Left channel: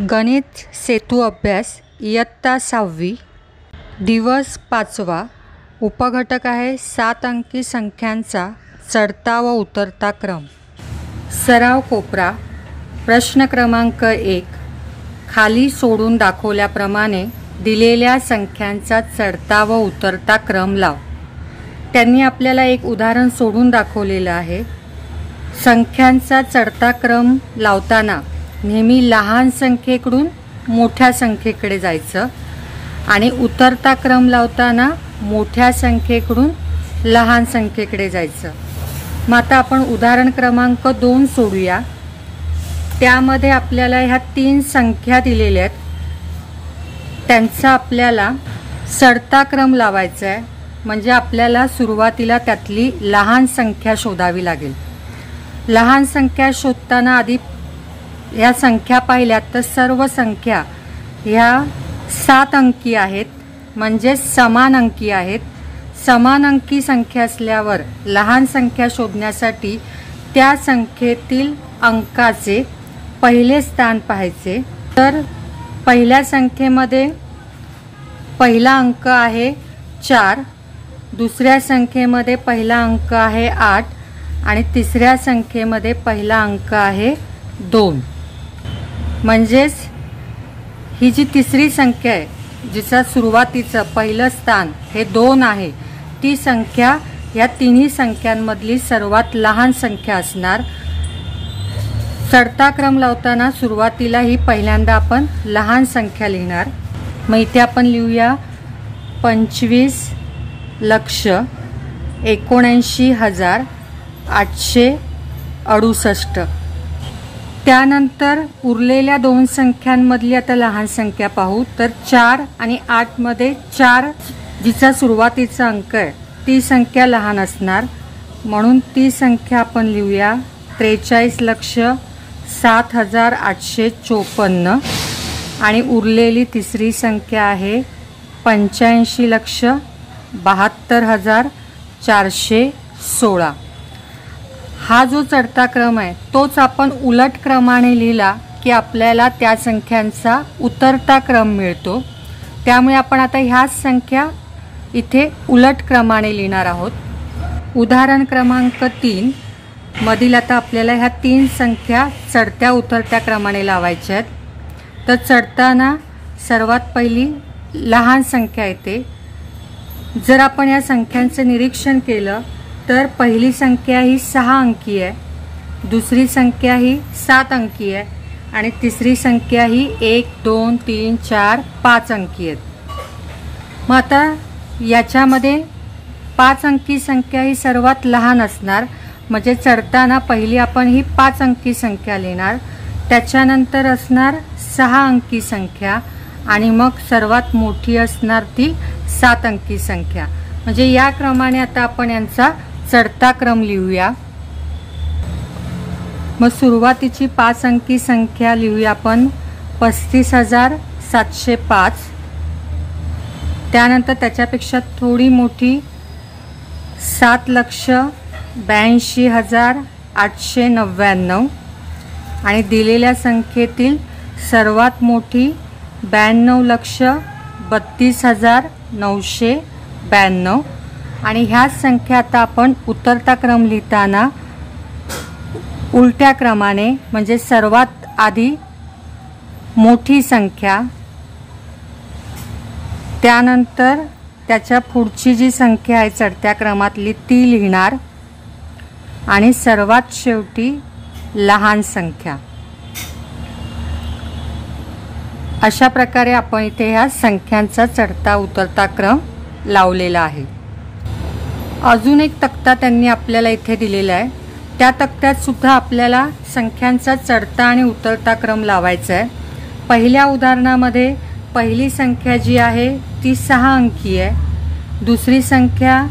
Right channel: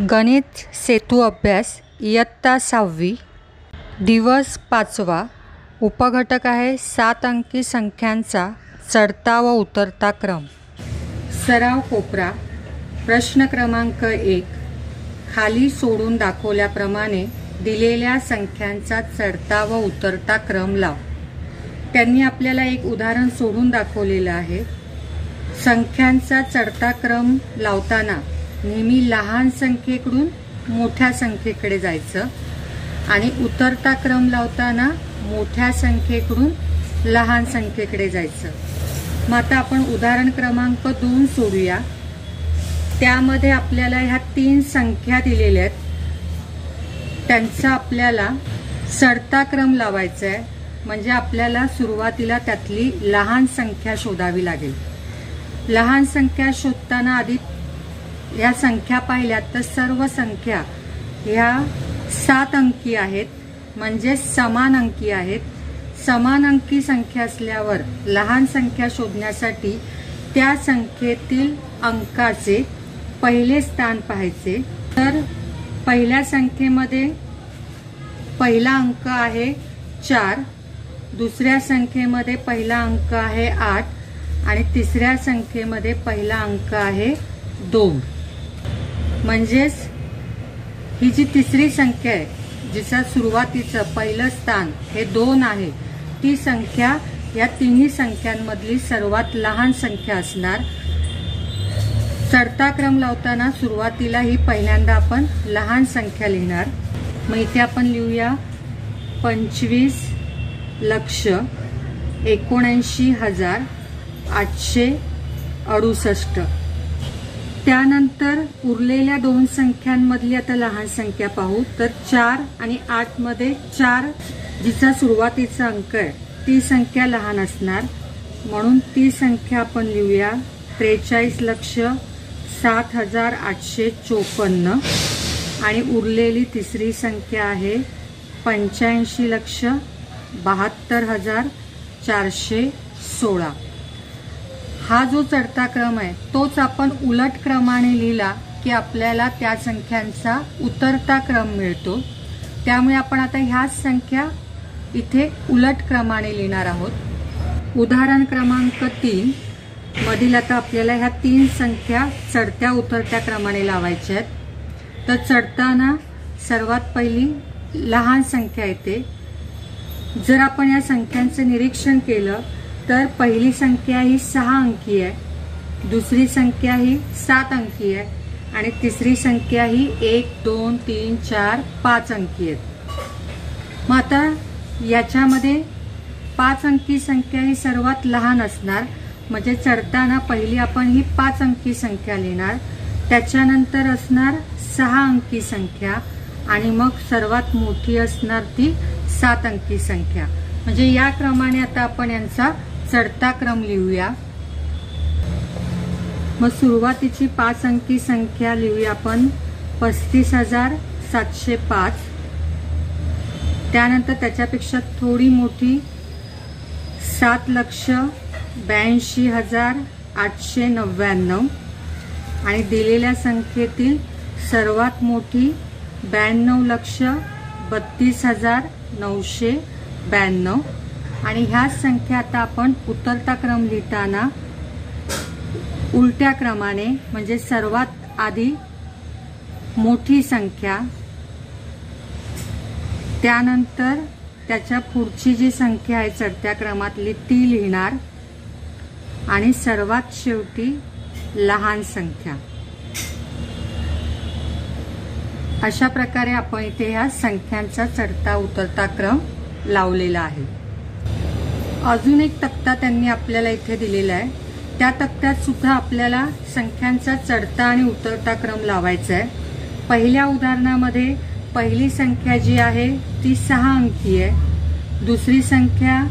गणित सेतू अभ्यास इयत्ता 6वी दिवस 5वा उपघटक आहे 7 अंकी संख्यांचा चढता व उतरता क्रम। सराव कोपरा प्रश्न क्रमांक 1 खाली सोडून दाखवल्याप्रमाणे दिलेल्या संख्यांचा चढता व उतरता क्रम लाव। त्यांनी आपल्याला एक उदाहरण सोडून दाखवलेलं आहे। संख्यांचा चढता क्रम लावताना नेहमी लहान संख्येकडून मोठ्या संख्येकडे जायचं आणि उतरता क्रम लावताना मोठ्या संख्येकडून लहान संख्येकडे जायचं। मग आता आपण उदाहरण क्रमांक 2 सोडूया। त्यामध्ये आपल्याला ह्या 3 संख्या दिलेल्या आहेत, त्यांचा आपल्याला चढता क्रम लावायचा आहे। म्हणजे आपल्याला सुरुवातीला त्यातली लहान संख्या शोधावी लागेल। लहान संख्या शोधताना आधी या संख्या पाहिल्यात तर सर्व संख्या ह्या 7 अंकी आहेत, म्हणजे समान अंकी आहेत। समान अंकी संख्या असल्यावर लहान संख्या शोधण्यासाठी त्या संख्येतील अंकाचे पहिले स्थान पाहायचे। तर पहिल्या संख्येमध्ये पहिला अंक आहे 4, दुसऱ्या संख्येमध्ये पहिला अंक आहे 8 आणि तिसऱ्या संख्येमध्ये पहिला अंक आहे 2। म्हणजेच ही जी तिसरी संख्या आहे जिचा सुरुवातीचं पहिलं स्थान हे 2 आहे, ती संख्या या तिन्ही संख्यांमधली सर्वात लहान संख्या असणार। चढता क्रम लावताना सुरुवातीला ही पहिल्यांदा आपण लहान संख्या लिहिणार। मग इथे आपण लिहूया 25,79,868। त्यानंतर उरलेल्या 2 संख्यांमधली आता लहान संख्या पाहू। तर 4 आणि 8 मध्ये 4 जिचा सुरुवातीचा अंक आहे ती संख्या लहान असणार, म्हणून ती संख्या आपण लिहूया 43,07,854। आणि उरलेली तिसरी संख्या आहे 85,72,416। हा जो चढता क्रम आहे तोच आपण उलट क्रमाने लिहिला की आपल्याला त्या संख्यांचा उतरता क्रम मिळतो। त्यामुळे आपण आता ह्याच संख्या इथे उलट क्रमाने लिहिणार आहोत। उदाहरण क्रमांक 3 मधील आता आपल्याला ह्या 3 संख्या चढत्या उतरत्या क्रमाने लावायच्या आहेत। तर चढताना सर्वात पहिली लहान संख्या येते। जर आपण या संख्यांचं निरीक्षण केलं तर पहिली संख्या ही 6 अंकी आहे, दुसरी संख्या ही 7 अंकी आहे आणि तिसरी संख्या ही 1, 2, 3, 4, 5 अंकी आहेत। मग आता याच्यामध्ये 5 अंकी संख्या ही सर्वात लहान असणार, म्हणजे चढताना पहिली आपण ही 5 अंकी संख्या लिहिणार, त्याच्यानंतर असणार 6 अंकी संख्या आणि मग सर्वात मोठी असणार ती 7 अंकी संख्या। म्हणजे या क्रमाने आता आपण यांचा चढता क्रम लिहूया। मग सुरुवातीची 5 अंकी संख्या लिहूया आपण 35,705। त्यानंतर त्याच्यापेक्षा थोडी मोठी 7,82,899 आणि दिलेल्या संख्येतील सर्वात मोठी 92,32,992। आणि ह्याच संख्या आता आपण उतरता क्रम लिहिताना उलट्या क्रमाने, म्हणजे सर्वात आधी मोठी संख्या, त्यानंतर त्याच्या पुढची जी संख्या आहे चढत्या क्रमातली ती लिहिणार आणि सर्वात शेवटी लहान संख्या। अशा प्रकारे आपण इथे ह्या संख्यांचा चढता उतरता क्रम लावलेला आहे। अजून एक तक्ता त्यांनी आपल्याला इथे दिलेला आहे। त्या तक्त्यात सुद्धा आपल्याला संख्यांचा चढता आणि उतरता क्रम लावायचा आहे। पहिल्या उदाहरणामध्ये पहिली संख्या जी आहे ती 6 अंकी आहे, दुसरी संख्या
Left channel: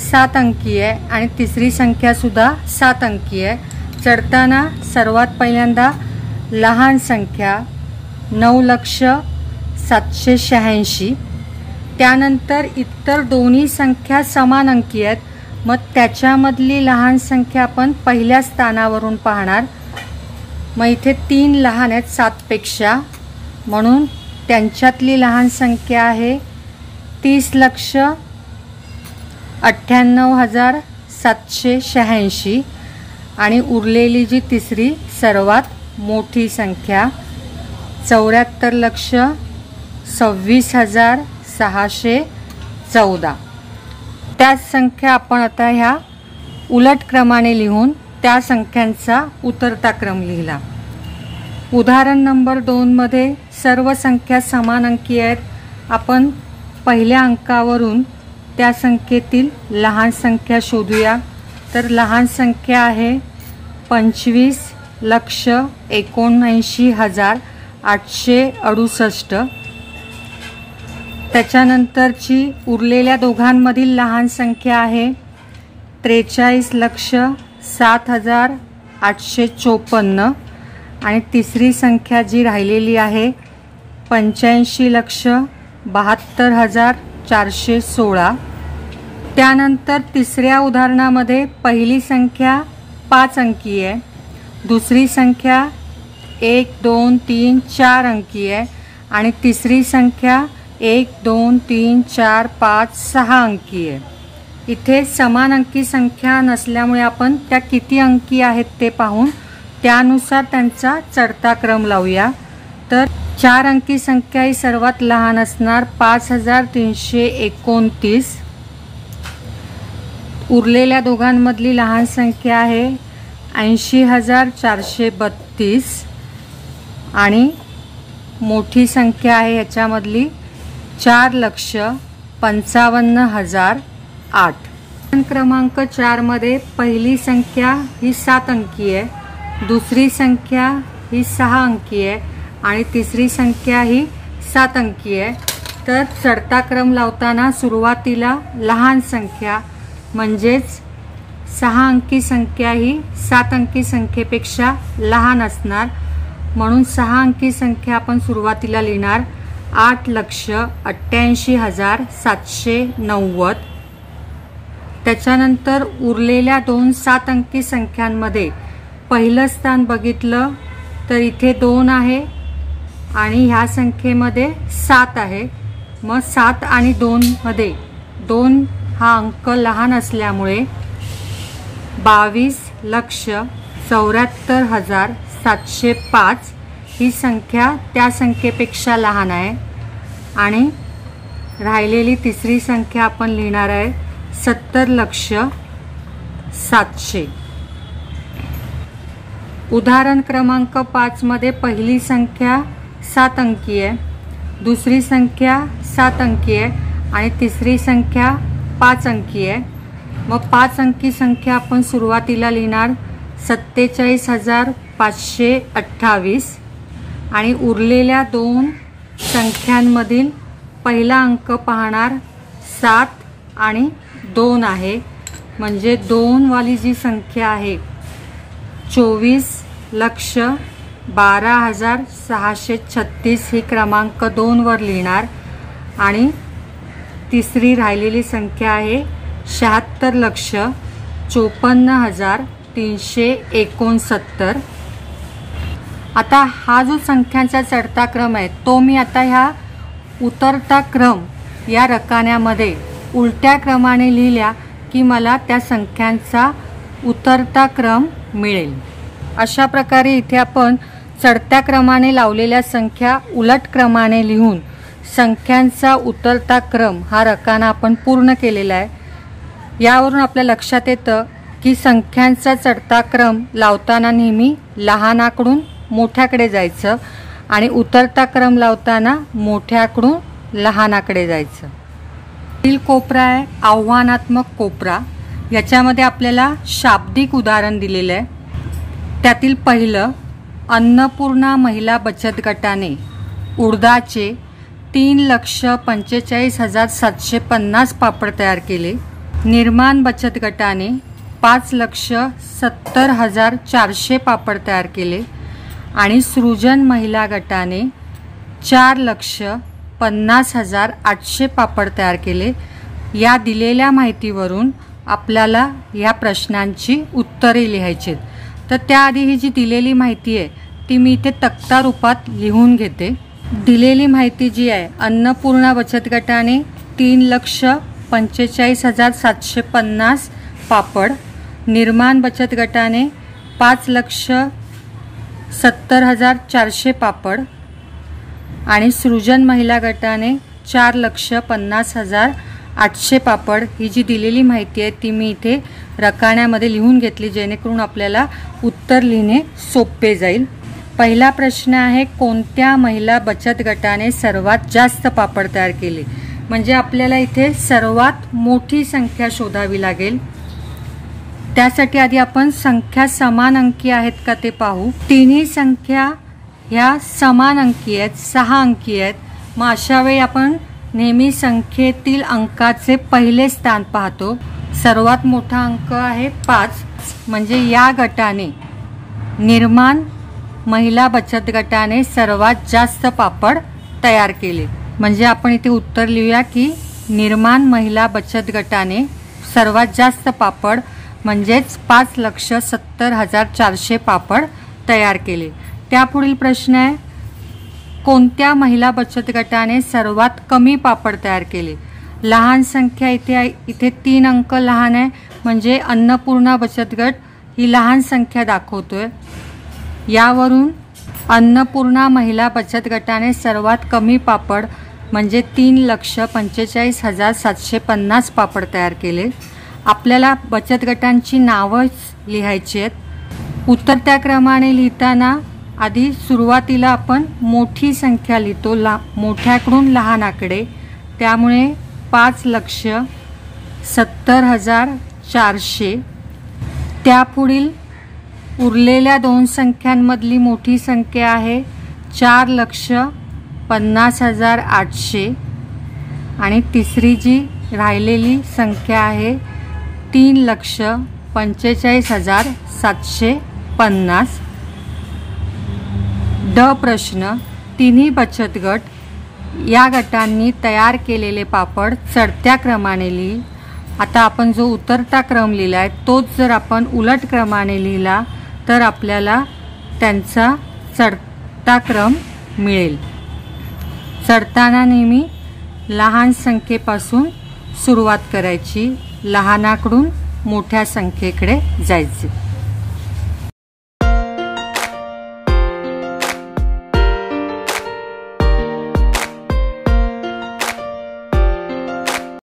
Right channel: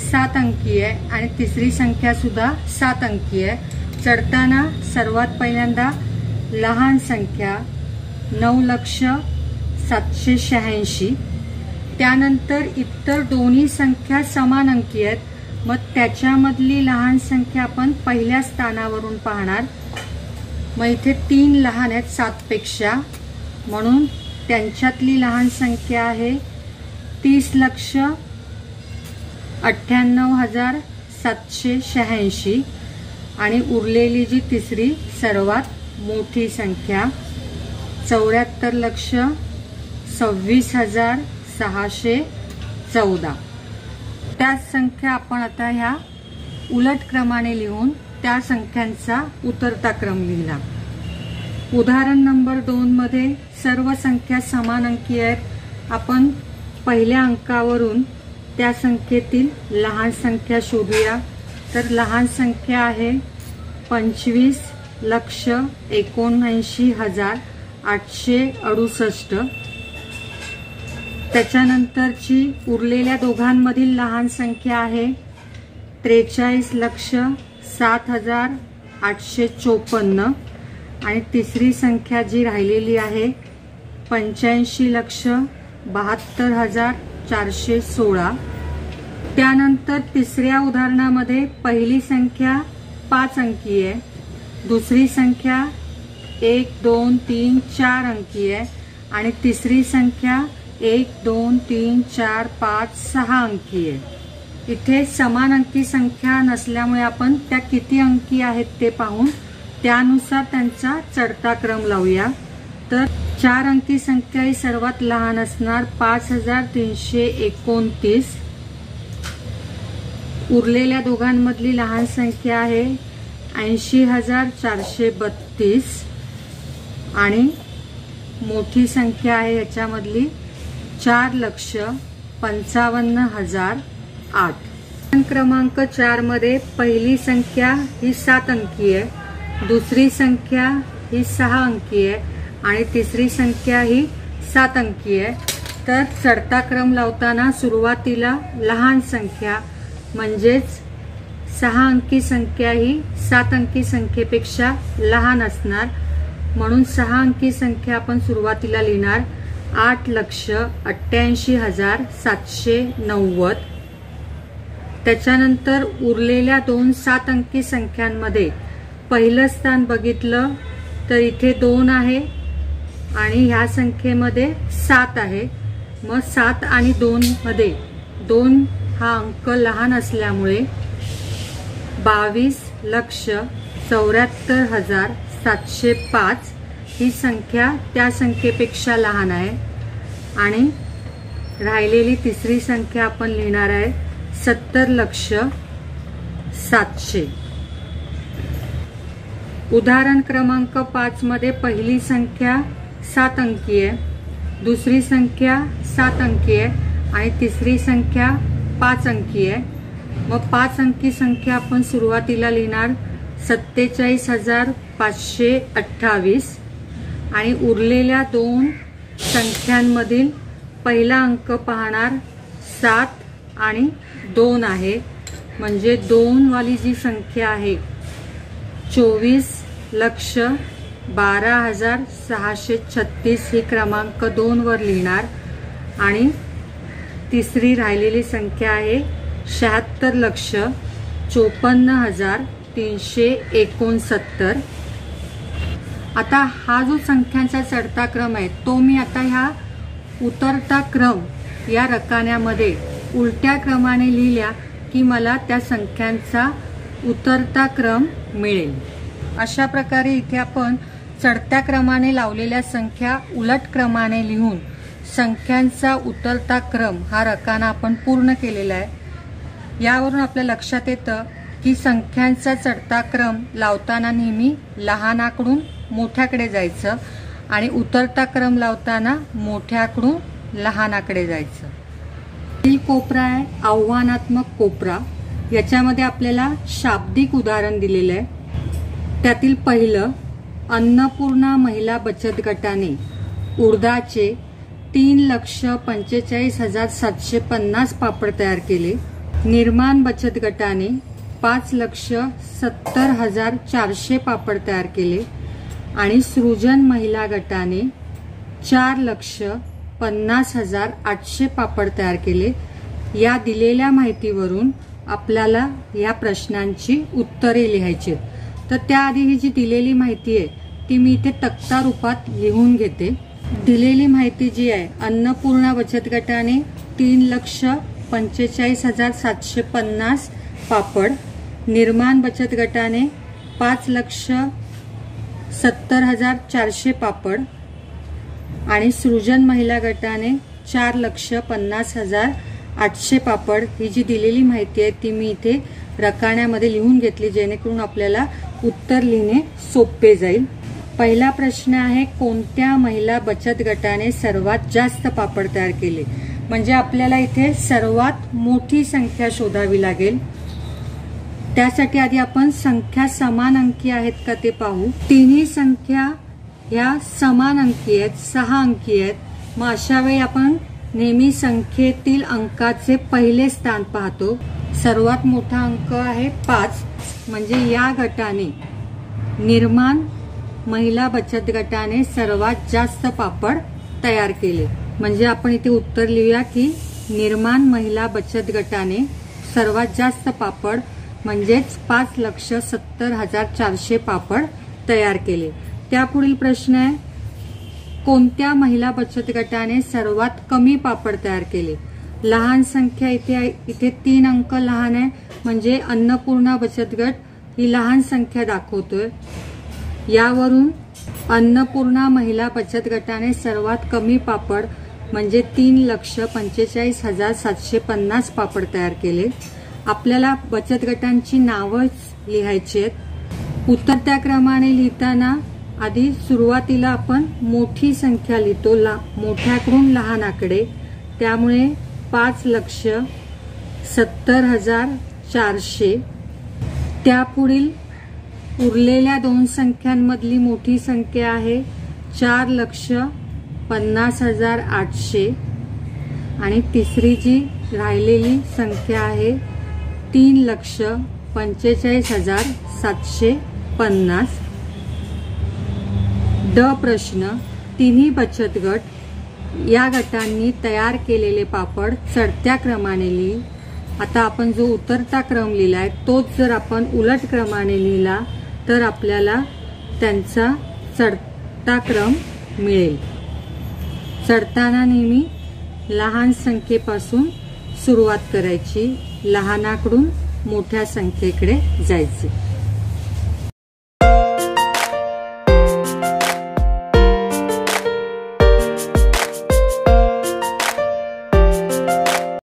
7 अंकी आहे आणि तिसरी संख्या सुद्धा 7 अंकी आहे। चढताना सर्वात पहिल्यांदा लहान संख्या 9,07,86। त्यानंतर इतर दोन्ही संख्या समान अंकी आहेत, मग त्याच्यामधली लहान संख्या आपण पहिल्या स्थानावरून पाहणार। मग इथे 3 लहान आहेत 7 पेक्षा, म्हणून त्यांच्यातली लहान संख्या आहे 30,98,786 आणि उरलेली जी तिसरी सर्वात मोठी संख्या 74,26,614. त्याच संख्या आपण आता ह्या उलट क्रमाने लिहून त्या संख्यांचा उतरता क्रम लिहिला. उदाहरण नंबर 2 मध्ये सर्व संख्या समान अंकी आहेत. आपण पहिल्या अंकावरून त्या संख्येतील लहान संख्या शोधूया. तर लहान संख्या आहे 25,79,868. त्याच्यानंतरची उरलेल्या दोघांमधील लहान संख्या आहे 43,07,854 आणि तिसरी संख्या जी राहिलेली आहे 85,72,416. त्यानंतर तिसऱ्या उदाहरणामध्ये पहिली संख्या 5 अंकी आहे, दुसरी संख्या 1, 2, 3, 4 अंकी आहे आणि तिसरी संख्या 1, 2, 3, 4, 5, 6 अंकी आहे. इथे समान अंकी संख्या नसल्यामुळे आपण त्या किती अंकी आहेत ते पाहून त्यानुसार त्यांचा चढता क्रम लावूया. तर 4 अंकी संख्या ही सर्वात लहान असणार 5,329. उरलेल्या दोघांमधली लहान संख्या आहे 80,432 आणि मोठी संख्या आहे याच्यामधली 4,55,008. क्रमांक 4 मध्ये पहिली संख्या ही 7 अंकी आहे, दुसरी संख्या ही 6 अंकी आहे आणि तिसरी संख्या ही 7 अंकी आहे. तर चढता क्रम लावताना सुरुवातीला लहान संख्या म्हणजेच 6 अंकी संख्या ही 7 अंकी संख्येपेक्षा लहान असणार, म्हणून 6 अंकी संख्या आपण सुरुवातीला लिहिणार 8,88,790. त्याच्यानंतर उरलेल्या 2 7 अंकी संख्यांमध्ये पहिलं स्थान बघितलं तर इथे 2 आहे आणि ह्या संख्येमध्ये 7 आहे. मग 7 आणि 2 मध्ये 2 हा अंक लहान असल्यामुळे 22,74,705 ही संख्या त्या संख्येपेक्षा लहान आहे आणि राहिलेली तिसरी संख्या आपण लिहिणार आहे 70,07,000. उदाहरण क्रमांक 5 मध्ये पहिली संख्या 7 अंकी आहे, दुसरी संख्या 7 अंकी आहे आणि तिसरी संख्या 5 अंकी आहे. मग 5 अंकी संख्या आपण सुरुवातीला लिहिणार 47,528 आणि उरलेल्या 2 संख्यांमधील पहिला अंक पाहणार 7 आणि 2 आहे, म्हणजे 2 वाली जी संख्या आहे 24,12,636 ही क्रमांक 2 वर लिहिणार आणि तिसरी राहिलेली संख्या आहे 76,54,369. आता हा जो संख्यांचा चढता क्रम आहे तो मी आता ह्या उतरता क्रम या रकान्यामध्ये उलट्या क्रमाने लिहिल्या की मला त्या संख्यांचा उतरता क्रम मिळेल. अशा प्रकारे इथे आपण चढत्या क्रमाने लावलेल्या संख्या उलट क्रमाने लिहून संख्यांचा उतरता क्रम हा रकाना आपण पूर्ण केलेला आहे. यावरून आपल्या लक्षात येतं की संख्यांचा चढता क्रम लावताना नेहमी लहानाकडून मोठ्याकडे जायचं आणि उतरता क्रम लावताना मोठ्याकडून लहानाकडे जायचं. पुढील कोपरा आहे आव्हानात्मक कोपरा. याच्यामध्ये आपल्याला शाब्दिक उदाहरण दिलेलं आहे. त्यातील पहिलं, अन्नपूर्णा महिला बचत गटाने उडदाचे 3,45,750 पापड तयार केले. निर्माण बचत गटाने 5,70,400 पापड तयार केले आणि सृजन महिला गटाने 4,50,800 पापड तयार केले. या दिलेल्या माहितीवरून आपल्याला या प्रश्नांची उत्तरे लिहायची. तर त्याआधी ही जी दिलेली माहिती आहे ती मी इथे तक्ता रूपात लिहून घेते. दिलेली माहिती जी आहे, अन्नपूर्णा बचत गटाने 3,45,750 पापड, निर्माण बचत गटाने 5,70,400 पापड आणि सृजन महिला गटाने 4,50,800 पापड ही जी दिलेली माहिती आहे ती मी इथे रकान्यामध्ये लिहून घेतली, जेणेकरून आपल्याला उत्तर लिहिणे सोपे जाईल। पहिला प्रश्न आहे, कोणत्या महिला बचत गटाने सर्वात जास्त पापड तयार केले? म्हणजे आपल्याला इथे सर्वात मोठी संख्या शोधावी लागेल। त्यासाठी आधी आपण संख्या समान अंकी आहेत का ते पाहू। तिन्ही संख्या ह्या समान अंकी आहेत, 6 अंकी आहेत। मग अशा वेळी आपण नेहमी संख्येतील अंकाचे पहिले स्थान पाहतो। सर्वात मोठा अंक आहे 5, म्हणजे या गटाने, निर्माण महिला बचत गटाने सर्वात जास्त पापड तयार केले। म्हणजे आपण इथे उत्तर लिहूया की निर्माण महिला बचत गटाने सर्वात जास्त पापड म्हणजेच 5,70,400 पापड तयार केले। त्यापुढील प्रश्न आहे, कोणत्या महिला बचत गटाने सर्वात कमी पापड तयार केले? लहान संख्या इथे आहे, इथे 3 अंक लहान आहे, म्हणजे अन्नपूर्णा बचत गट ही लहान संख्या दाखवतोय। यावरून अन्नपूर्णा महिला बचत गटाने सर्वात कमी पापड म्हणजे 3,45,750 पापड तयार केले। आपल्याला बचत गटांची नावं लिहायची आहेत। उतरत्या क्रमाने लिहिताना आधी सुरुवातीला आपण मोठी संख्या लिहितो, मोठ्याकडून लहान आकडे, त्यामुळे 5,70,400। त्यापुढील उरलेल्या 2 संख्यांमधली मोठी संख्या आहे 4,50,800 आणि तिसरी जी राहिलेली संख्या आहे 3,45,750। ड प्रश्न, तिन्ही बचत गट या गटांनी तयार केलेले पापड चढत्या क्रमाने लिही। आता आपण जो उतरता क्रम लिहिलाय तोच जर आपण उलट क्रमाने लिहिला तर आपल्याला त्यांचा चढता क्रम मिळेल। चढताना नेहमी लहान संख्येपासून सुरुवात करायची, लहानाकडून मोठ्या संख्येकडे जायचे।